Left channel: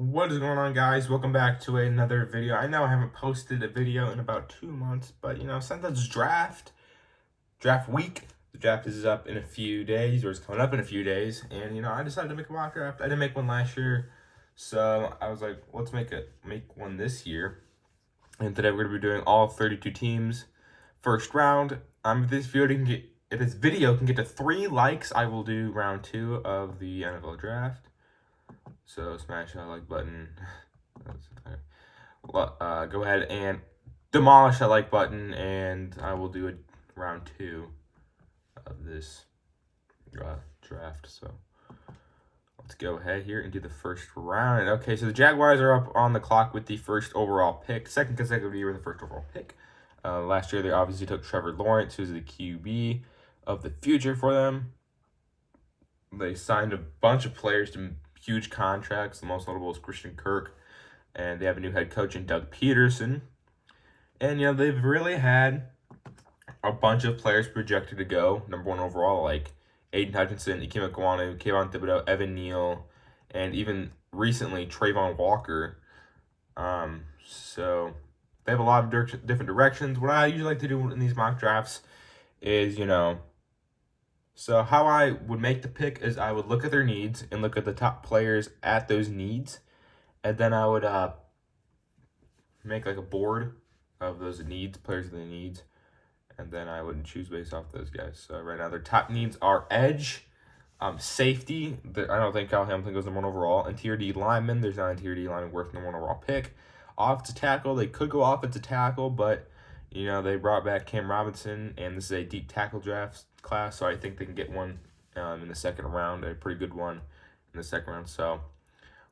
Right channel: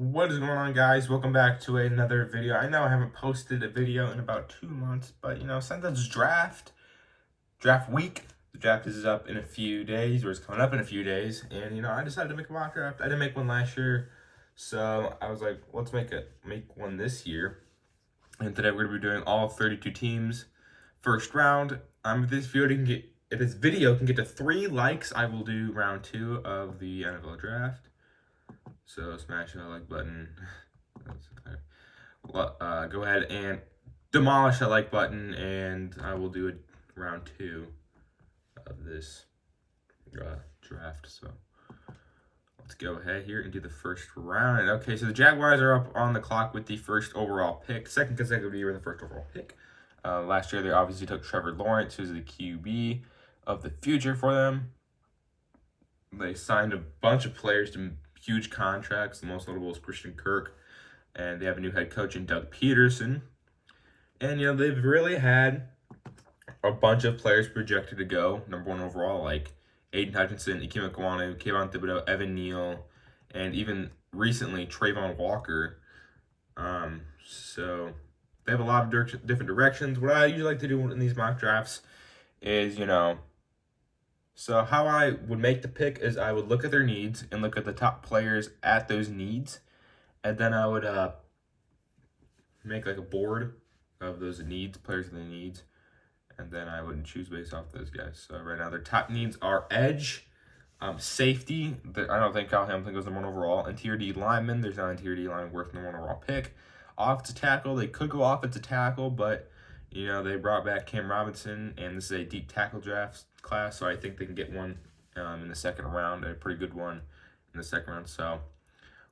What is going on, guys? Welcome back to another video. I know I haven't posted a video in about 2 months, but since it's draft week, the draft is up in a few days, or it's coming up in a few days, and I decided to make a mock draft. I didn't make one last year, so I was like, let's make one this year. And today we're gonna be doing all 32 teams, first round. If this video can get to 3 likes, I will do round 2 of the NFL draft. So smash that like button. Go ahead and demolish that like button, and I will do a round 2 of this draft. So let's go ahead here and do the first round. Okay, so the Jaguars are up on the clock with the first overall pick, second consecutive year with the first overall pick. Last year they obviously took Trevor Lawrence, who's the QB of the future for them. They signed a bunch of players to huge contracts. The most notable is Christian Kirk, and they have a new head coach in Doug Peterson. And they've really had a bunch of players projected to go number 1 overall, like Aiden Hutchinson, Ikem Ekwonu, Kayvon Thibodeau, Evan Neal, and even recently Trayvon Walker. So they have a lot of different directions. What I usually like to do in these mock drafts is, so how I would make the pick is I would look at their needs and look at the top players at those needs, and then I would make like a board of those needs, players of the needs, and then I would choose based off those guys. So right now their top needs are edge, safety. I don't think Kyle Hamilton goes number 1 overall. Interior D lineman, there's not an interior D lineman worth number 1 overall pick. Offensive tackle, they could go offensive tackle, but they brought back Cam Robinson, and this is a deep tackle draft class, so I think they can get one in the second round, a pretty good one in the second round. So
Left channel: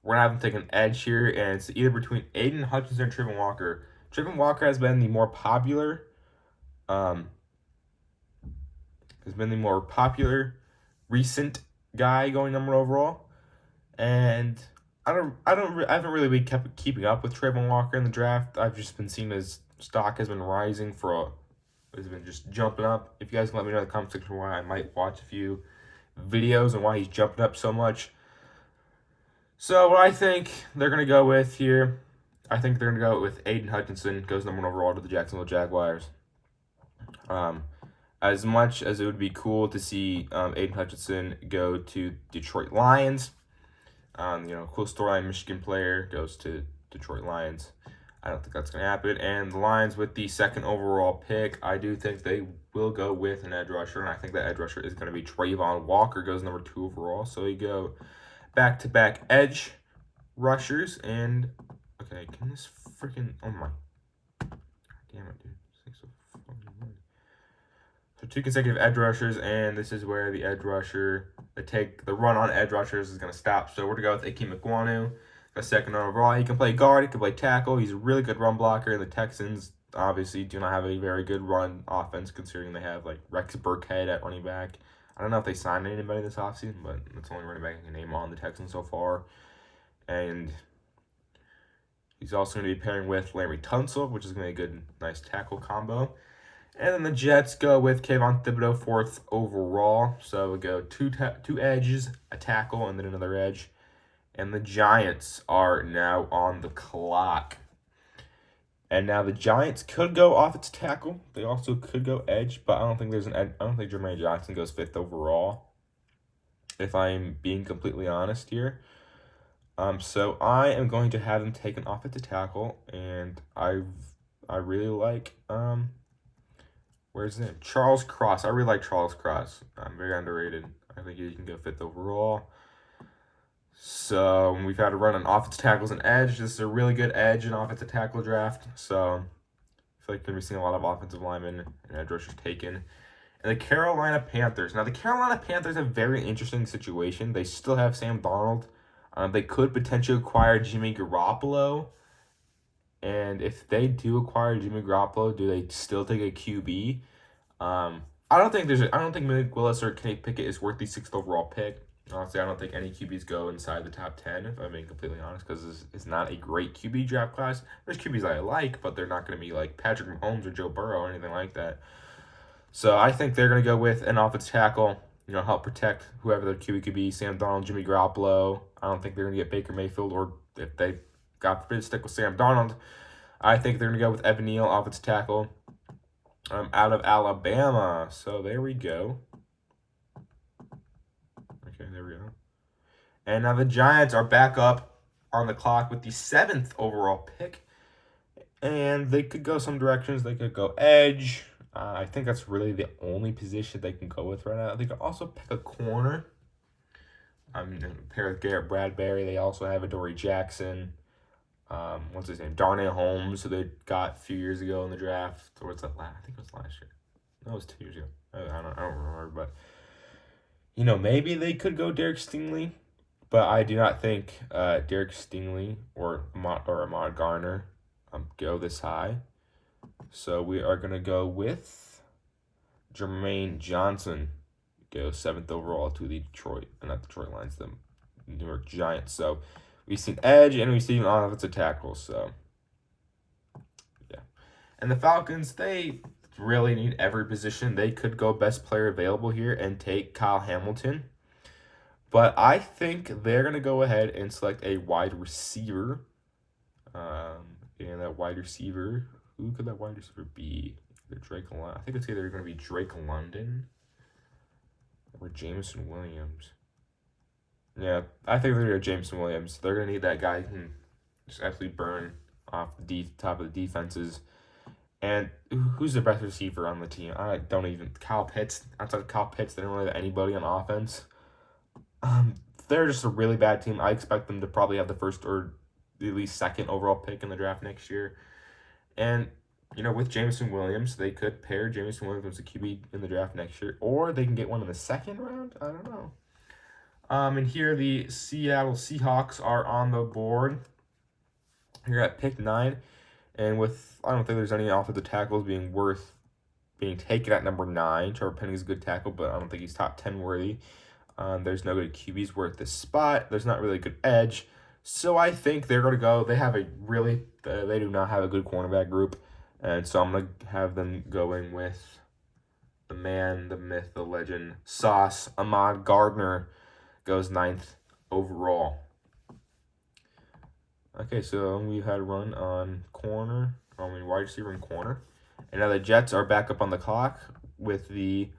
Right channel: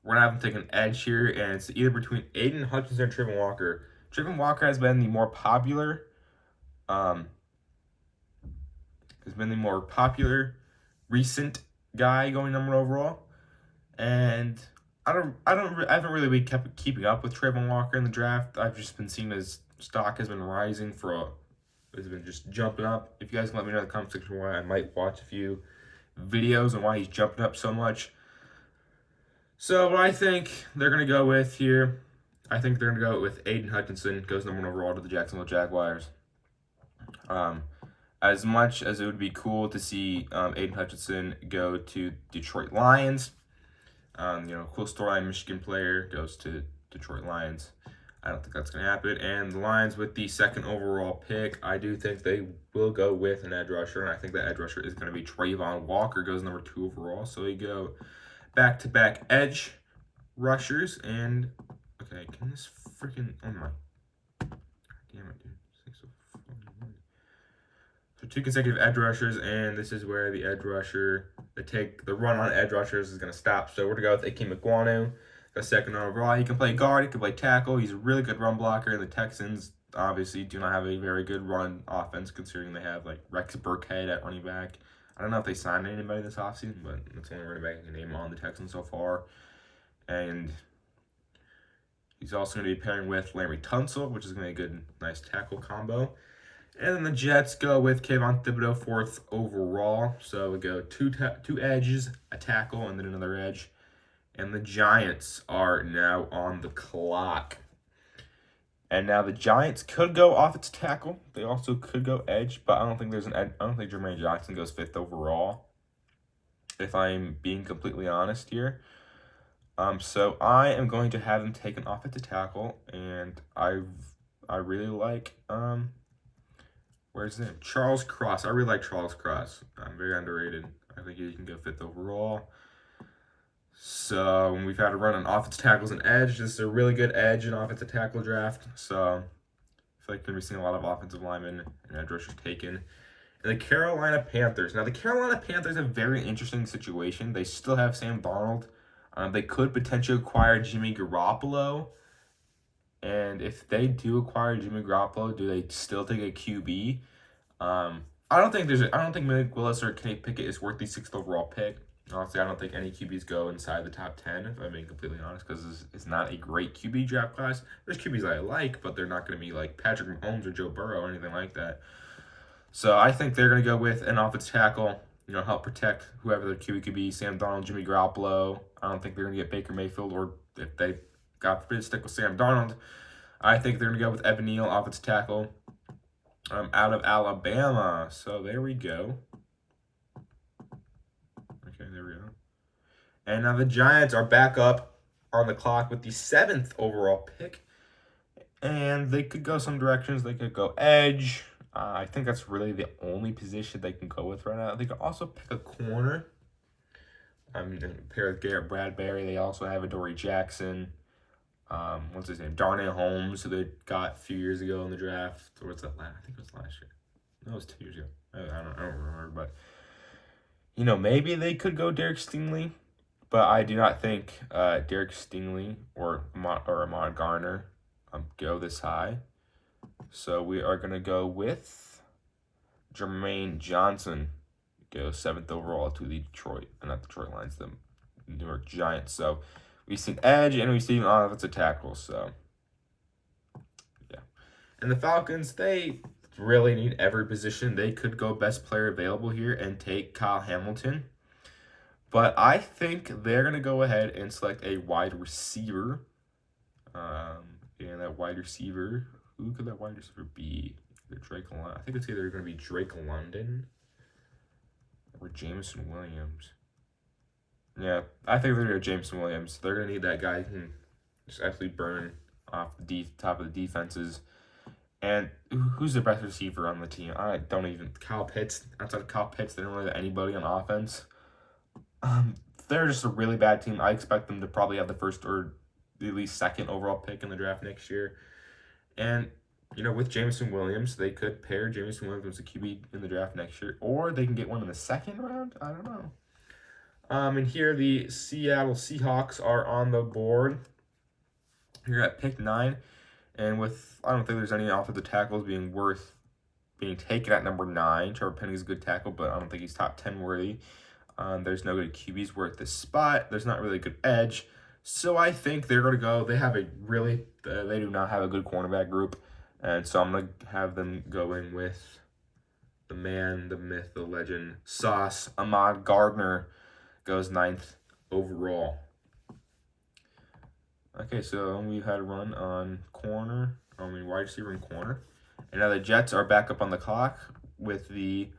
we're going to have them take an edge here, and it's either between Aiden Hutchinson and Trayvon Walker. Trayvon Walker has been the more popular, recent guy going number 1 overall, and I haven't really been keeping up with Trayvon Walker in the draft. I've just been seeing his stock has been rising has been just jumping up. If you guys can let me know in the comment section why, I might watch a few videos on why he's jumping up so much. So what I think they're going to go with here, I think they're going to go with Aiden Hutchinson, goes number 1 overall to the Jacksonville Jaguars. As much as it would be cool to see Aiden Hutchinson go to Detroit Lions, cool storyline, Michigan player goes to Detroit Lions. I don't think that's going to happen. And the Lions with the second overall pick, I do think they will go with an edge rusher, and I think that edge rusher is going to be Trayvon Walker, goes number 2 overall. So we go back-to-back edge rushers, and okay, can this freaking, oh my, damn it, dude. So 2 consecutive edge rushers, and this is where the edge rusher, the run on edge rushers is going to stop. So we're going to go with Ikem Ekwonu, a second overall. He can play guard, he can play tackle. He's a really good run blocker. And the Texans obviously do not have a very good run offense, considering they have like Rex Burkhead at running back. I don't know if they signed anybody this offseason, but it's the only running back I can name on the Texans so far. And he's also going to be pairing with Larry Tunsil, which is going to be a good, nice tackle combo. And then the Jets go with Kayvon Thibodeau, 4th overall. So we go two edges, a tackle, and then another edge. And the Giants are now on the clock. And now the Giants could go offensive tackle. They also could go edge, but I don't think Jermaine Johnson goes 5th overall, if I'm being completely honest here. So I am going to have them take an offensive tackle, and I really like where's his name? Charles Cross. I really like Charles Cross. Very underrated. I think he can go 5th overall. So we've had to run on offensive tackles and edge. This is a really good edge and offensive tackle draft. So I feel like we're seeing a lot of offensive linemen and edge rushers taken. And the Carolina Panthers. Now the Carolina Panthers have a very interesting situation. They still have Sam Darnold. They could potentially acquire Jimmy Garoppolo. And if they do acquire Jimmy Garoppolo, do they still take a QB? I don't think Malik Willis or Kenny Pickett is worth the 6th overall pick. Honestly, I don't think any QBs go inside the top 10, if I'm being completely honest, because it's not a great QB draft class. There's QBs I like, but they're not going to be like Patrick Mahomes or Joe Burrow or anything like that. So I think they're going to go with an offensive tackle. help protect whoever their QB could be, Sam Darnold, Jimmy Garoppolo. I don't think they're going to get Baker Mayfield, or if they, God forbid, stick with Sam Darnold, I think they're going to go with Evan Neal, offensive tackle, out of Alabama. So there we go. Okay, there we go. And now the Giants are back up on the clock with the 7th overall pick. And they could go some directions. They could go edge. I think that's really the only position they can go with right now. They could also pick a corner. I mean, pair with Garrett Bradbury. They also have Adoree Jackson. What's his name? Darnell Holmes, who they got a few years ago in the draft. Or what's that? I think it was last year. No, it was 2 years ago. I don't remember. But, maybe they could go Derek Stingley. But I do not think Derek Stingley or Ahmad Garner go this high. So we are going to go with Jermaine Johnson. Go 7th overall to the Detroit, not Detroit Lions, the New York Giants. So we see an edge and we see an offensive tackle. So, yeah. And the Falcons, they really need every position. They could go best player available here and take Kyle Hamilton. But I think they're going to go ahead and select a wide receiver. And that wide receiver, who could that wide receiver be? I think it's either going to be Drake London or Jameson Williams. Yeah, I think they're going to go Jameson Williams. They're going to need that guy who can just absolutely burn off the top of the defenses. And who's the best receiver on the team? Kyle Pitts. Outside of Kyle Pitts, they don't really have anybody on offense. They're just a really bad team. I expect them to probably have the first or at least 2nd overall pick in the draft next year. And, with Jameson Williams, they could pair Jameson Williams with a QB in the draft next year. Or they can get one in the 2nd round. I don't know. And here the Seattle Seahawks are on the board. Here at pick 9. And I don't think there's any offensive tackles being taken at number 9. Trevor Penny's a good tackle, but I don't think he's top 10 worthy. There's no good QBs worth this spot. There's not really a good edge. So I think they're going to go. They do not have a good cornerback group. And so I'm going to have them going with the man, the myth, the legend, Sauce. Ahmad Gardner goes 9th overall. Okay, so we've had a run on wide receiver and corner. And now the Jets are back up on the clock with the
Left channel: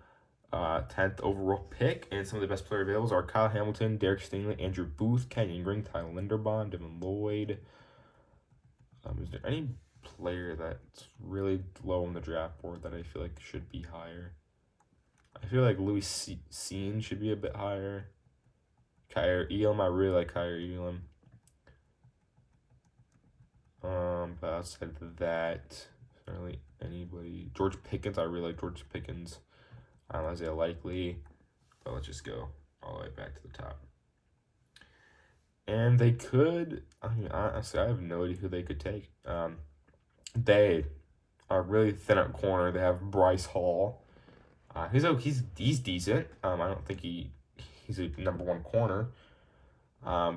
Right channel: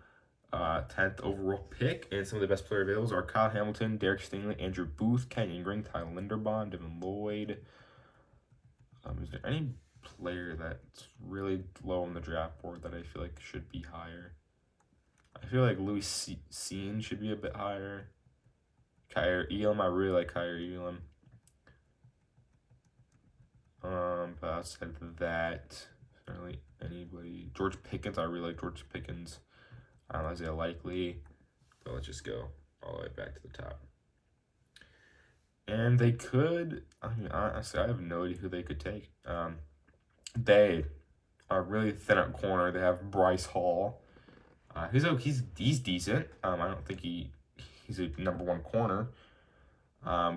10th overall pick, and some of the best player available are Kyle Hamilton, Derek Stingley, Andrew Booth, Kenyon Green, Tyler Linderbaum, Devin Lloyd. Is there any player that's really low on the draft board that I feel like should be higher? I feel like Louis Cine should be a bit higher. Kyer Elam, I really like Kyer Elam. But outside of that, not really anybody. George Pickens, I really like George Pickens. Isaiah Likely, but let's just go all the way back to the top. And they could, honestly, I have no idea who they could take. They are really thin at corner. They have Bryce Hall. He's decent. I don't think he's a number 1 corner.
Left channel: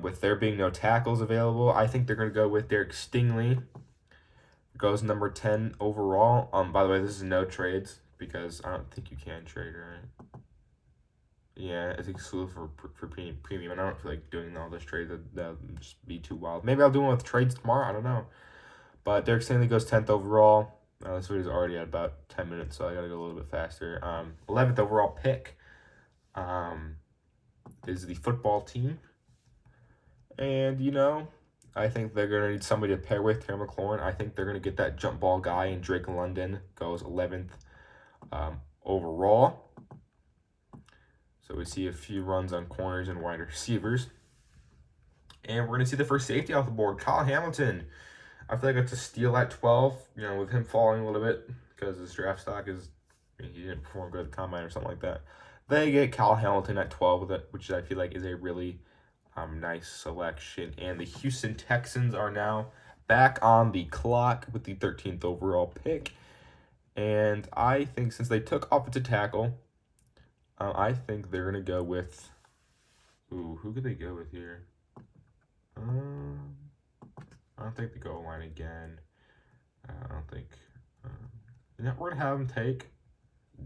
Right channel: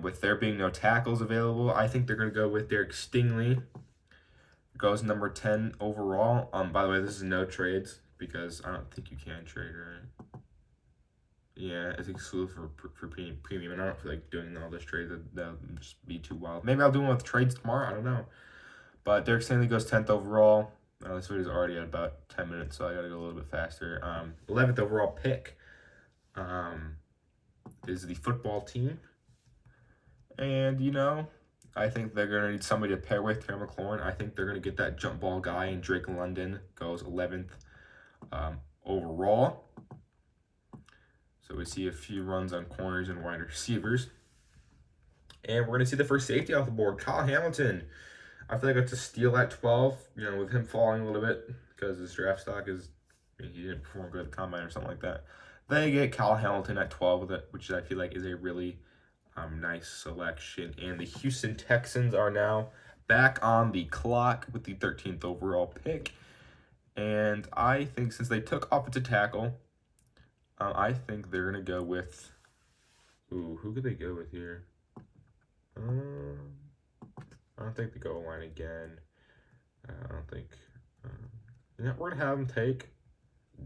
With there being no tackles available, I think they're going to go with Derek Stingley. Goes number 10 overall. By the way, this is no trades, because I don't think you can trade, right? Yeah, it's exclusive for premium, and I don't feel like doing all this trade. That'll just be too wild. Maybe I'll do one with trades tomorrow. I don't know. But Derek Stingley goes 10th overall. This video is already at about 10 minutes, so I gotta go a little bit faster. 11th overall pick is the football team. And, I think they're going to need somebody to pair with, Terry McLaurin. I think they're going to get that jump ball guy, and Drake London goes 11th overall. So we see a few runs on corners and wide receivers. And we're going to see the first safety off the board, Kyle Hamilton. I feel like it's a steal at 12, with him falling a little bit because his draft stock he didn't perform good at the combine or something like that. They get Kyle Hamilton at 12 with it, which I feel like is a really nice selection. And the Houston Texans are now back on the clock with the 13th overall pick. And I think since they took offensive tackle, I think they're going to go with... who could they go with here? I don't think the goal line again. I don't think... we're going to have them take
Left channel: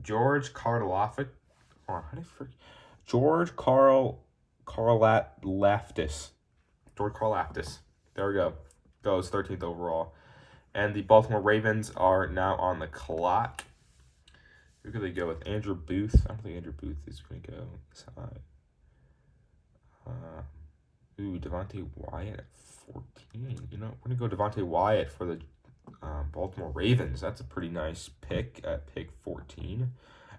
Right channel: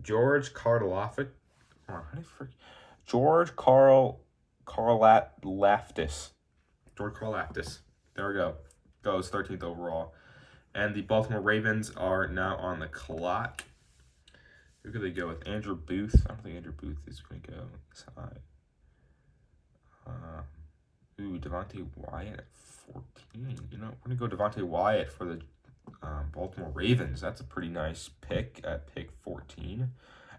George Karloffek Hold on, how do you forget? Karlaftis. George Karlaftis. There we go. Goes 13th overall. And the Baltimore Ravens are now on the clock. Who could they go with? Andrew Booth. I don't think Andrew Booth is going to go this high. Devontae Wyatt at 14. You know, we're going to go Devontae Wyatt for the Baltimore Ravens. That's a pretty nice pick at pick 14.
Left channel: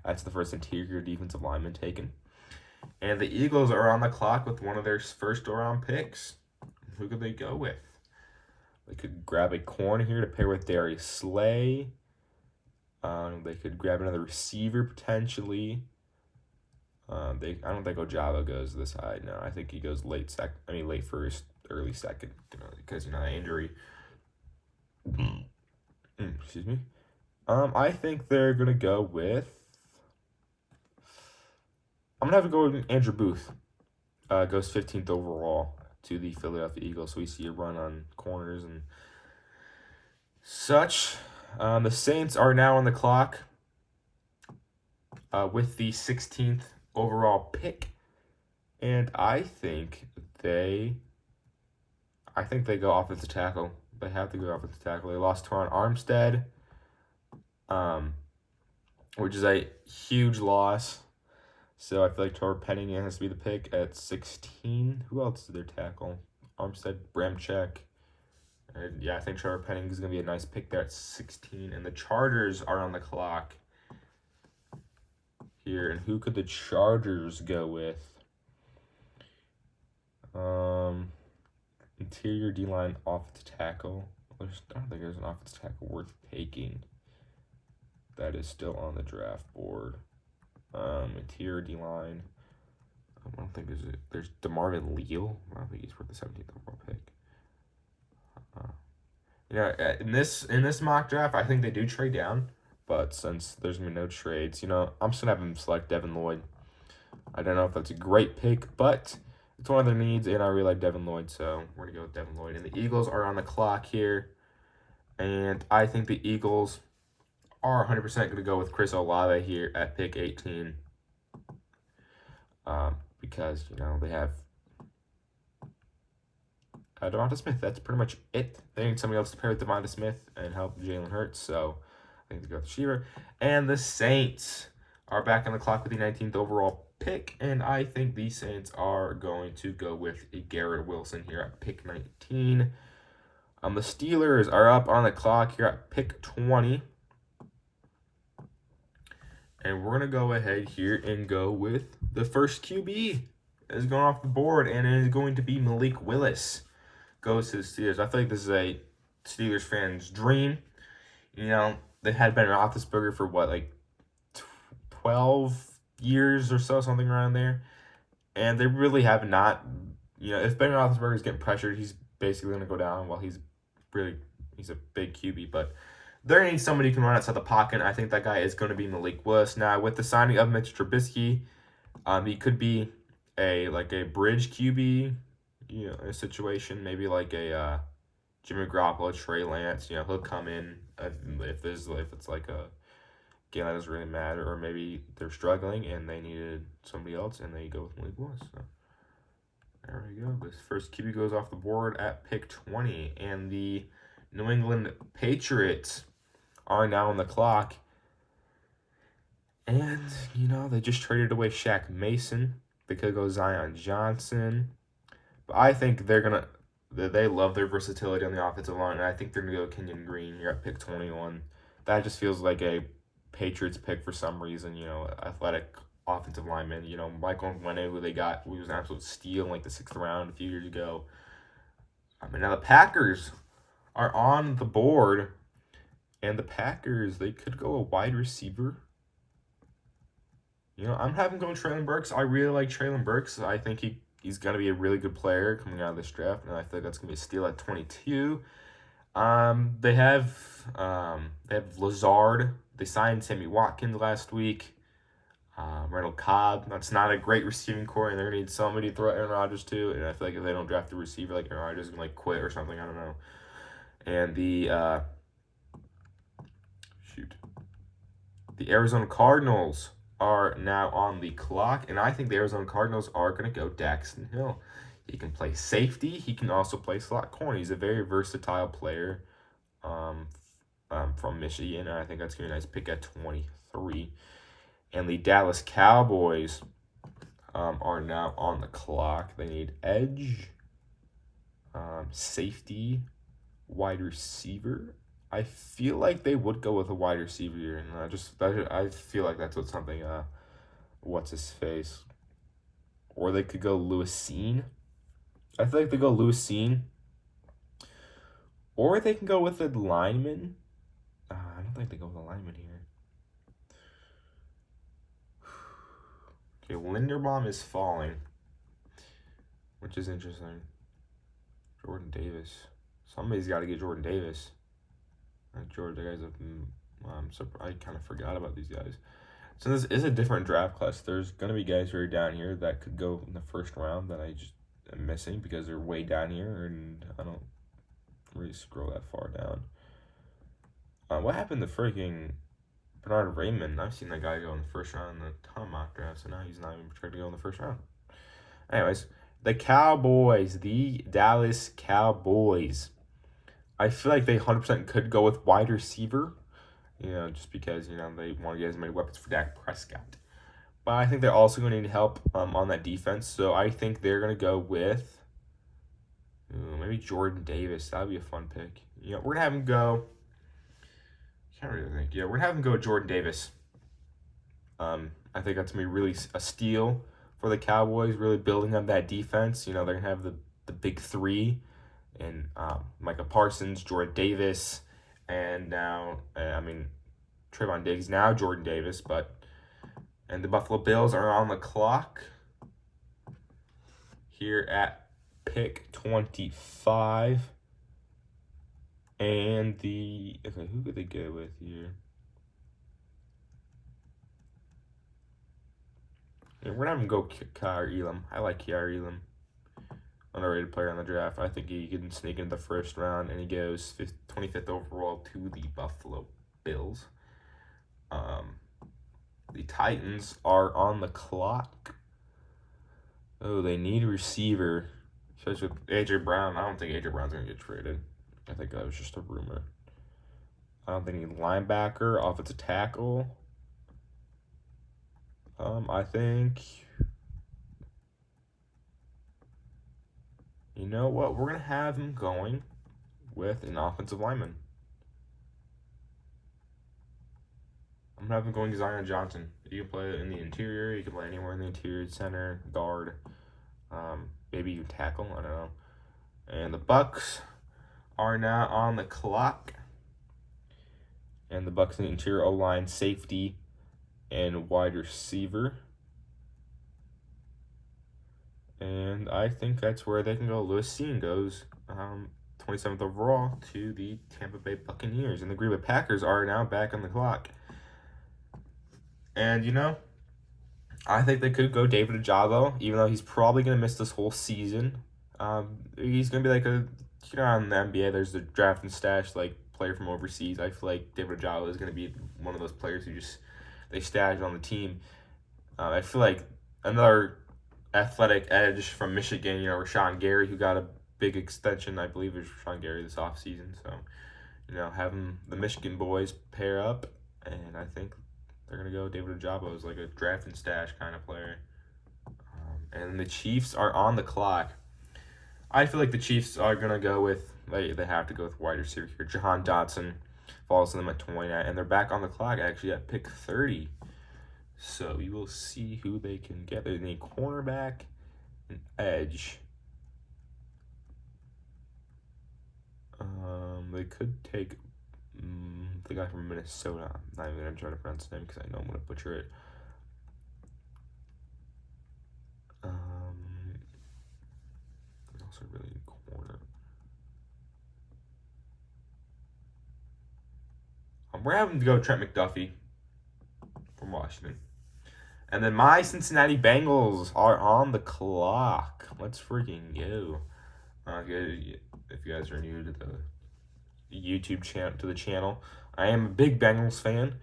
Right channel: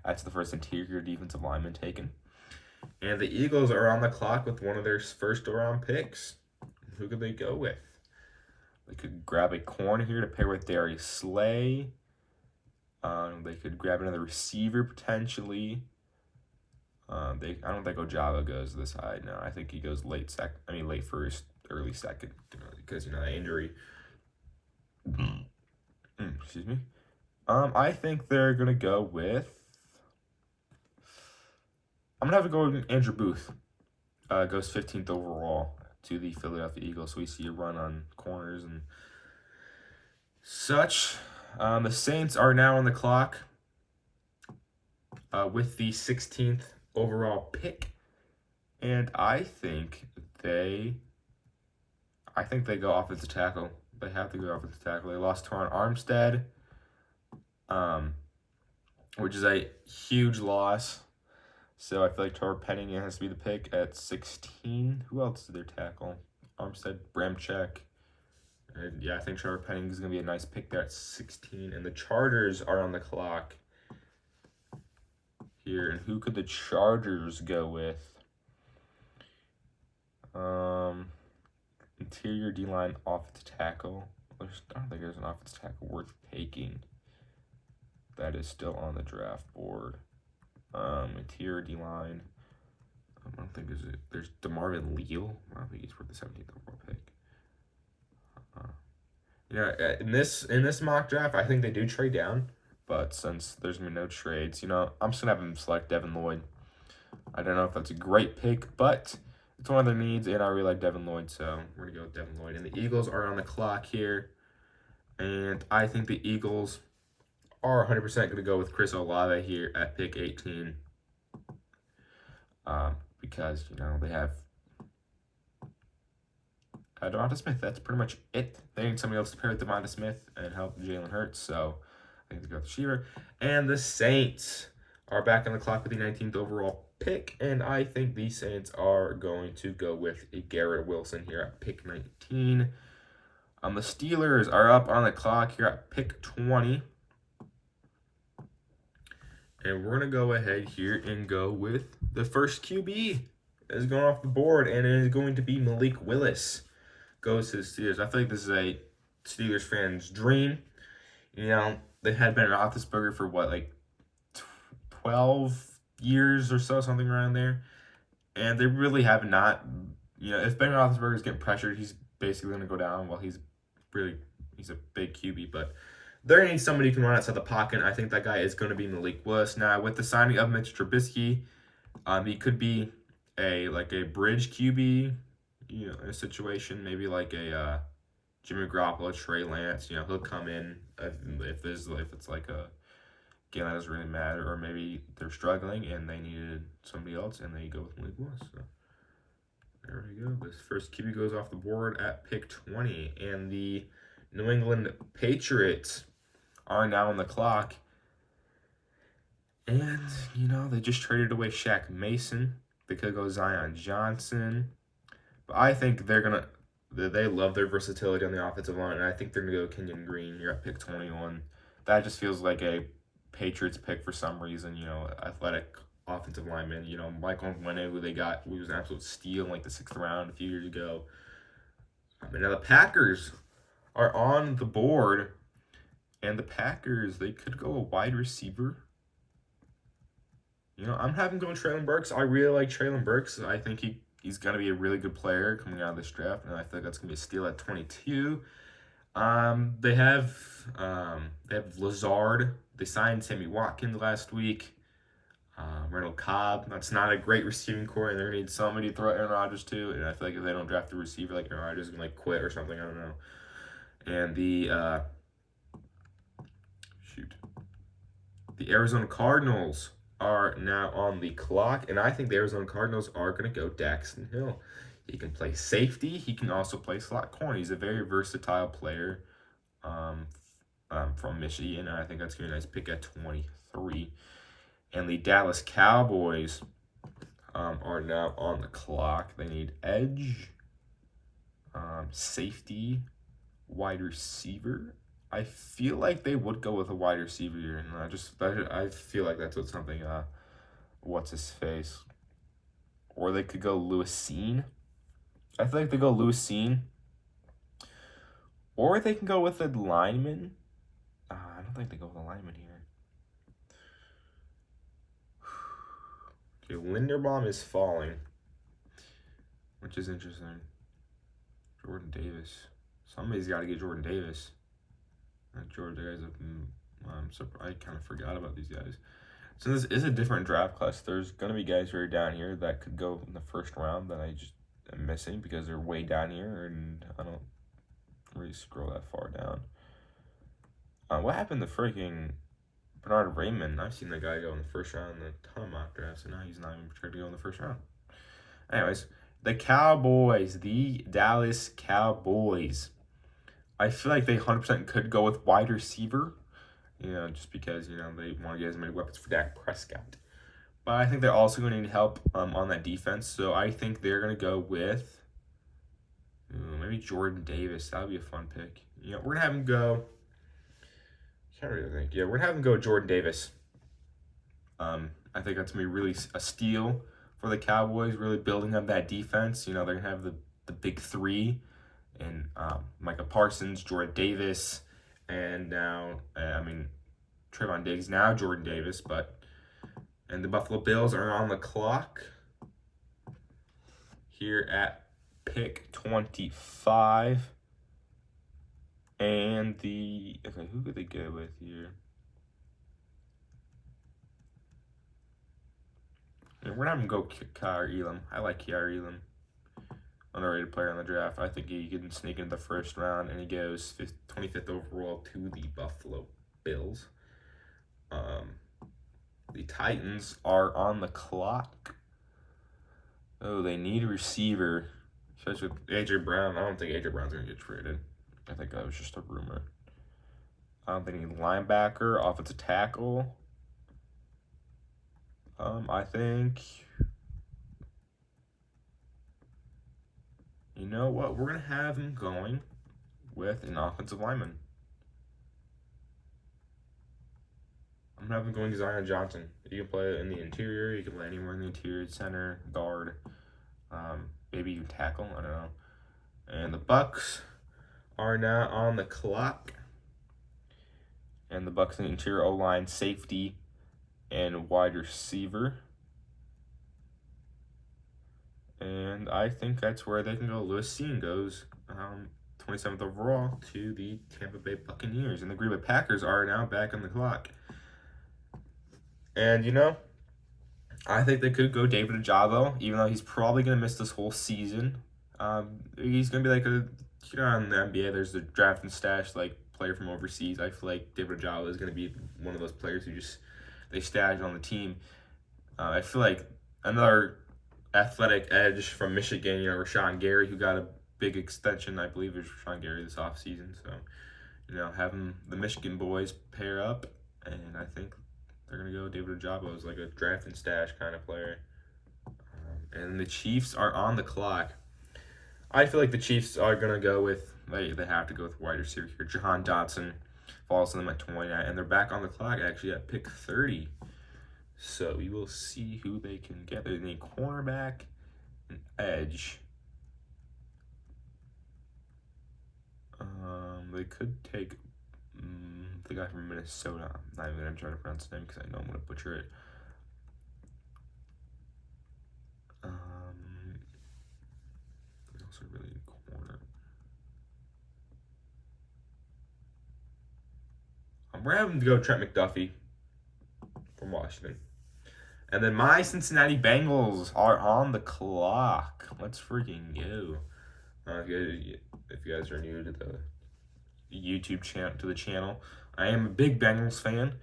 That's the first interior defensive lineman taken. And the Eagles are on the clock with one of their first-round picks. Who could they go with? They could grab a corner here to pair with Darius Slay. They could grab another receiver potentially. I don't think Ojabo goes this high. No, I think he goes late first, early second, because that injury. Excuse me. I think they're gonna go with. I'm gonna have to go with Andrew Booth. Goes 15th overall to the Philadelphia Eagles. So we see a run on corners and such. The Saints are now on the clock with the 16th overall pick, and I think they go offensive tackle. They have to go offensive tackle. They lost Teron Armstead, which is a huge loss. So I feel like Trevor Penning has to be the pick at 16. Who else did their tackle? Armstead, Bramchek. And yeah, I think Trevor Penning is going to be a nice pick there at 16. And the Chargers are on the clock here. And who could the Chargers go with? Interior D-line, offensive tackle. I don't think there's an offensive tackle worth taking. That is still on the draft board. Interior D-line. I don't think there's DeMarvin Leal. I don't think he's worth the 17th overall pick. In this mock draft, I think they do trade down, but since there's gonna be no trades, I'm just gonna have them select Devin Lloyd. I don't know if that's a great pick, but it's one of their needs, and I really like Devin Lloyd, so we're gonna go with Devin Lloyd. And the Eagles are on the clock here, and I think the Eagles are 100% gonna go with Chris Olave here at pick 18, because they have Devonta Smith. That's pretty much it. They need somebody else to pair with Devonta Smith and help Jalen Hurts, so I think they go with Shearer. And the Saints are back on the clock with the 19th overall pick, and I think the Saints are going to go with Garrett Wilson here at pick 19. The Steelers are up on the clock here at pick 20. And we're going to go ahead here and go with the first QB that is going off the board, and it is going to be Malik Willis. Goes to the Steelers. I feel like this is a Steelers fan's dream. They had Ben Roethlisberger for 12 years or so, something around there. And they really have not, if Ben Roethlisberger is getting pressured, he's basically going to go down. Well, he's a big QB, but they're going to need somebody who can run outside the pocket. I think that guy is going to be Malik Willis. Now, with the signing of Mitch Trubisky, he could be a bridge QB, a situation, maybe like a Jimmy Garoppolo, Trey Lance. He'll come in if it's like a game that doesn't really matter, or maybe they're struggling and they needed somebody else and they go with Malik Willis. So there we go. This first QB goes off the board at pick 20, and the New England Patriots are now on the clock. And, they just traded away Shaq Mason. They could go Zion Johnson. But I think they love their versatility on the offensive line, and I think they're going to go Kenyon Green here at pick 21. That just feels like a Patriots pick for some reason, athletic offensive lineman. Michael Onwenu, who they got, who was an absolute steal in the 6th round a few years ago. Now the Packers are on the board, and the Packers, they could go a wide receiver. I'm having going Treylon Burks. I really like Treylon Burks. I think he's going to be a really good player coming out of this draft, and I think that's going to be a steal at 22. They have Lazard. They signed Sammy Watkins last week. Randall Cobb. That's not a great receiving core, and they're going to need somebody to throw Aaron Rodgers to. And I feel like if they don't draft a receiver, Aaron Rodgers is going to quit or something. I don't know. And the Arizona Cardinals are now on the clock, and I think the Arizona Cardinals are going to go Daxton Hill. He can play safety. He can also play slot corner. He's a very versatile player from Michigan, and I think that's going to be a nice pick at 23. And the Dallas Cowboys are now on the clock. They need edge, safety, wide receiver. I feel like they would go with a wide receiver here, and I feel like that's what something what's his face, or they could go Lewis Cine. I feel like they go Lewis Cine, or they can go with a lineman. I don't think they go with a lineman here. Okay, Linderbaum is falling, which is interesting. Jordan Davis. Somebody's got to get Jordan Davis. Jordan, guys, I kind of forgot about these guys. So this is a different draft class. There's going to be guys who are down here that could go in the first round that I just am missing because they're way down here, and I don't really scroll that far down. What happened to freaking Bernard Raymond? I've seen that guy go in the first round in a ton of mock drafts, and now he's not even projected to go in the first round. Anyways, the Cowboys, the Dallas Cowboys. I feel like they 100% could go with wide receiver, just because, they want to get as many weapons for Dak Prescott. But I think they're also going to need help on that defense, so I think they're going to go with maybe Jordan Davis. That would be a fun pick. We're going to have him go. Can't really think. Yeah, we're going to have him go with Jordan Davis. I think that's going to be really a steal for the Cowboys, really building up that defense. They're going to have the big three. And Micah Parsons, Jordan Davis, and now, Trayvon Diggs, now Jordan Davis, and the Buffalo Bills are on the clock here at pick 25. And who could they go with here? Yeah, we're not going to go Kyer Elam. I like Kyer Elam. Underrated player in the draft. I think he can sneak into the first round, and he goes 25th overall to the Buffalo Bills. The Titans are on the clock. Oh, they need a receiver, especially with A.J. Brown. I don't think A.J. Brown's going to get traded. I think that was just a rumor. I don't think any linebacker, offensive tackle. I think... You know what? We're going to have him going with an offensive lineman. I'm going to have him going Zion Johnson. You can play in the interior. You can play anywhere in the interior, center, guard. Maybe you tackle. I don't know. And the Bucks are now on the clock. And the Bucks in the interior O-line, safety, and wide receiver. And I think that's where they can go. Lewis Cine goes 27th overall to the Tampa Bay Buccaneers. And the Green Bay Packers are now back on the clock. And, I think they could go David Ojabo, even though he's probably going to miss this whole season. He's going to be like in the NBA, there's the draft and stash, player from overseas. I feel like David Ojabo is going to be one of those players who they stash on the team. I feel like another athletic edge from Michigan, Rashawn Gary, who got a big extension, I believe it was Rashawn Gary this offseason. So, having the Michigan boys pair up, and I think they're going to go David Ojabo as a draft and stash kind of player. And the Chiefs are on the clock. I feel like the Chiefs are going to go with, they have to go with wide receiver here. Jahan Dotson falls to them at 29, and they're back on the clock actually at pick 30. So we will see who they can get. They need cornerback and edge. They could take the guy from Minnesota. I'm not even going to try to pronounce his name because I know I'm going to butcher it. They also really need corner. We're having to go Trent McDuffie from Washington. And then my Cincinnati Bengals are on the clock. Let's freaking go. If you guys are new to the YouTube channel, I am a big Bengals fan.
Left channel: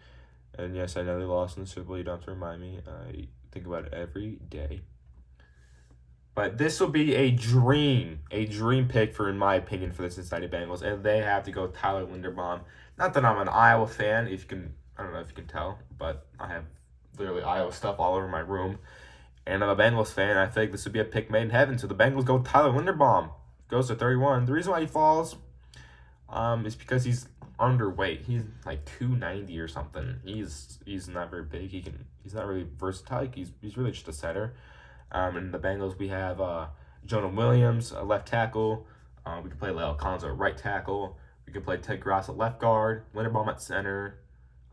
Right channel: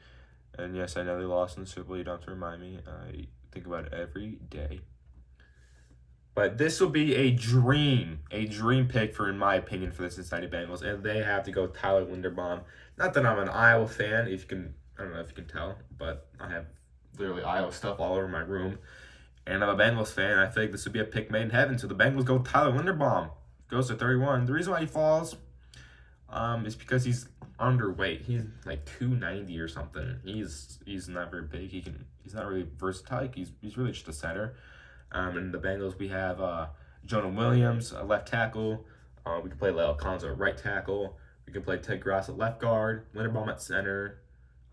And yes, I know they lost in the Super Bowl. You don't have to remind me. I think about it every day. But this will be a dream pick in my opinion, for the Cincinnati Bengals, and they have to go Tyler Linderbaum. Not that I'm an Iowa fan, if you can, I don't know if you can tell, but I have literally Iowa stuff all over my room, and I'm a Bengals fan. I think this would be a pick made in heaven. So the Bengals go Tyler Linderbaum, goes to 31. The reason why he falls, is because he's underweight. He's like 290 or something. He's not very big. He's not really versatile. He's really just a setter. In the Bengals, we have Jonah Williams, a left tackle. We can play Leo Alonso at right tackle. We can play Ted Grass at left guard, Linderbaum at center,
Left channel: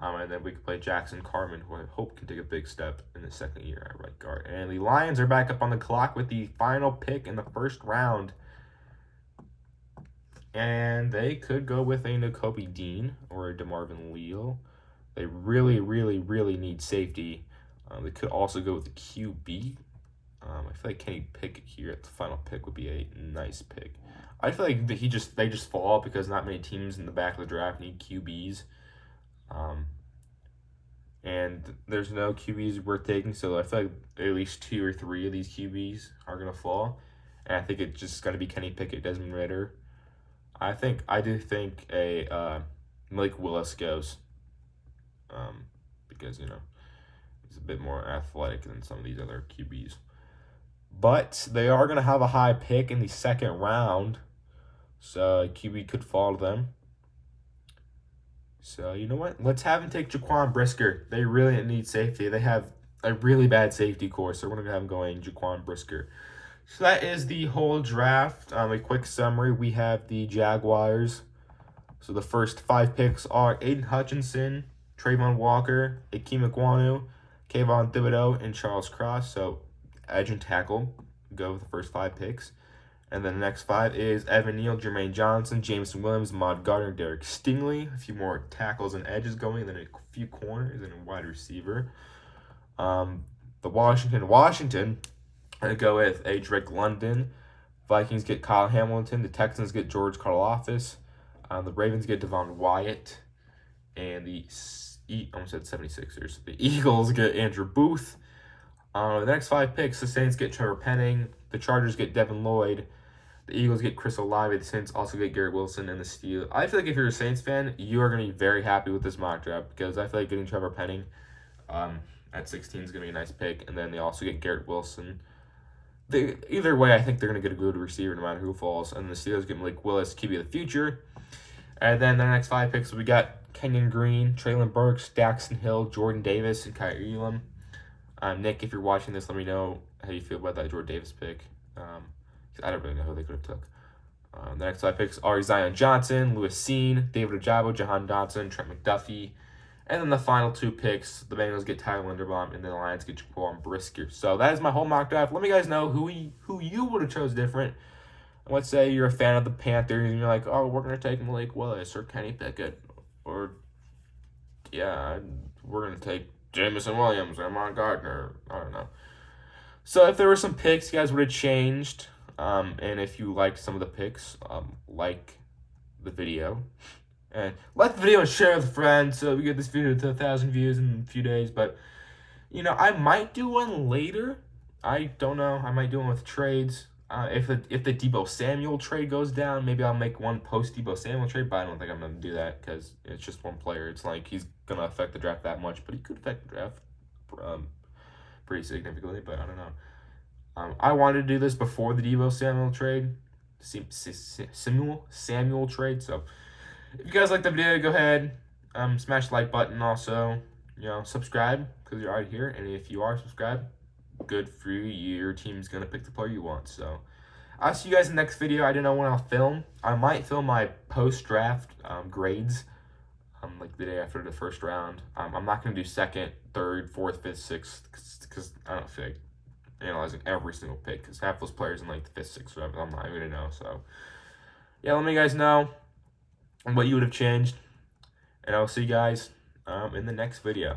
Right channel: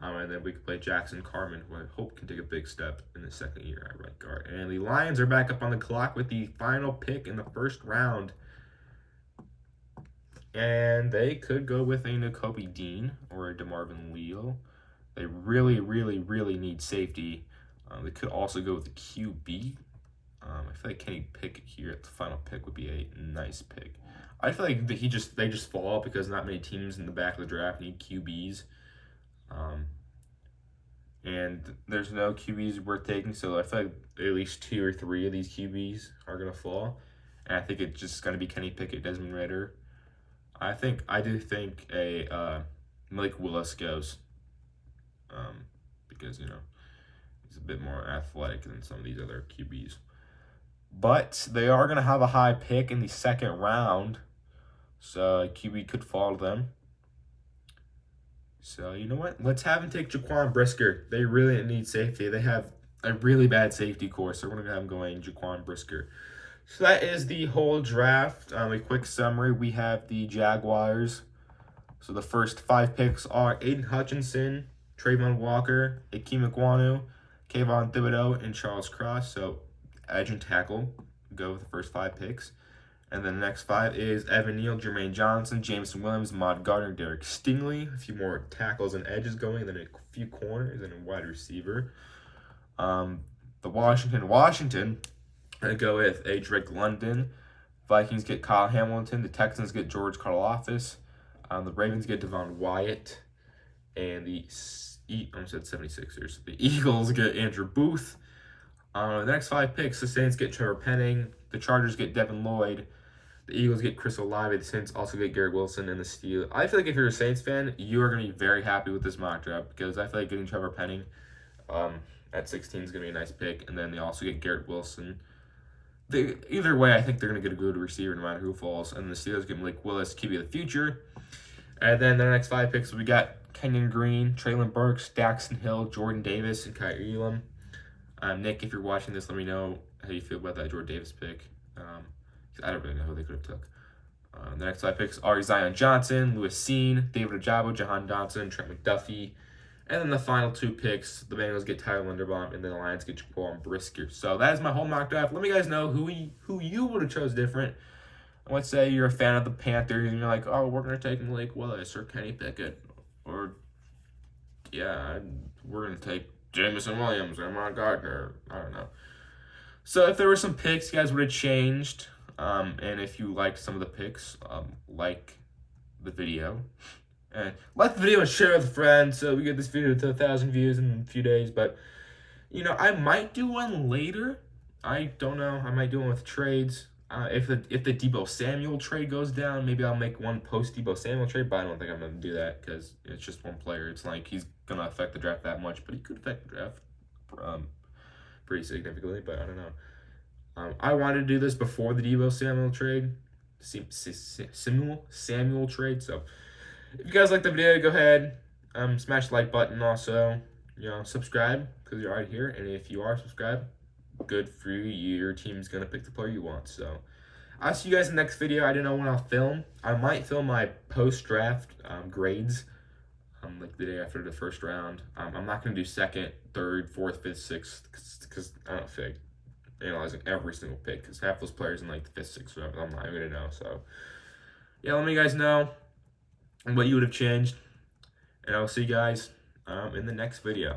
and then we can play Jackson Carman, who I hope can take a big step in his second year at right guard. And the Lions are back up on the clock with the final pick in the first round. And they could go with a Nakobe Dean or a DeMarvin Leal. They really, really, really need safety. They could also go with the QB. I feel like Kenny Pickett here at the final pick would be a nice pick. I feel like they just fall because not many teams in the back of the draft need QBs. And there's no QBs worth taking, so I feel like at least 2 or 3 of these QBs are going to fall. And I think it's just going to be Kenny Pickett, Desmond Ridder. I do think a Malik Willis goes, because he's a bit more athletic than some of these other QBs. But they are going to have a high pick in the second round, so QB could fall to them. So you know what? Let's have him take Jaquan Brisker. They really need safety. They have a really bad safety core, so we're going to have him going Jaquan Brisker. So that is the whole draft. A quick summary. We have the Jaguars. So the first 5 picks are Aiden Hutchinson, Trayvon Walker, Akeem Ekwonu, Kayvon Thibodeau, and Charles Cross. So edge and tackle go with the first 5 picks. And then the next 5 is Evan Neal, Jermaine Johnson, Jameson Williams, Maude Gardner, Derek Stingley. A few more tackles and edges going, and then a few corners and a wide receiver. The Washington, I go with a Drake London. Vikings get Kyle Hamilton. The Texans get George Karlaftis. The Ravens get Devon Wyatt. And I almost said 76ers. The Eagles get Andrew Booth. The next 5 picks, the Saints get Trevor Penning. The Chargers get Devin Lloyd. The Eagles get Chris Olave. The Saints also get Garrett Wilson. And the Steelers. I feel like if you're a Saints fan, you are going to be very happy with this mock draft, because I feel like getting Trevor Penning at 16 is going to be a nice pick. And then they also get Garrett Wilson. Either way, I think they're going to get a good receiver no matter who falls. And the Steelers get Malik Willis, QB of the future. And then the next 5 picks, we got Kenyon Green, Traylon Burks, Daxton Hill, Jordan Davis, and Kyrie Elam. Nick, if you're watching this, let me know how you feel about that Jordan Davis pick. I don't really know who they could have took. The next 5 picks are Zion Johnson, Lewis Seen, David Ojabo, Jahan Dotson, Trent McDuffie. And then the final 2 picks, the Bengals get Tyler Linderbaum, and the Lions get Jaquan Brisker. So that is my whole mock draft. Let me guys know who you would have chose different. And let's say you're a fan of the Panthers, and you're like, oh, we're going to take Malik Willis or Kenny Pickett. Or, yeah, we're going to take Jameson Williams or Maude Gardner. I don't know. So if there were some picks you guys would have changed, and if you liked some of the picks, like the video. And like the video and share with a friend so we get this video to 1,000 views in a few days. But, I might do one later. I don't know. I might do one with trades. If the Deebo Samuel trade goes down, maybe I'll make one post Deebo Samuel trade. But I don't think I'm going to do that because it's just one player. It's like he's going to affect the draft that much. But he could affect the draft pretty significantly. But I don't know. I wanted to do this before the Deebo Samuel trade. Samuel trade. So if you guys like the video, go ahead, smash the like button. Also, subscribe because you're already here. And if you are subscribed, good for you. Your team's gonna pick the player you want. So I'll see you guys in the next video. I don't know when I'll film. I might film my post-draft grades, like the day after the first round. I'm not gonna do second, third, fourth, fifth, sixth, because I don't feel like analyzing every single pick. Because half those players in like the fifth, sixth round, I'm not even gonna know. So yeah, let me guys know what you would have changed, and I will see you guys in the next video.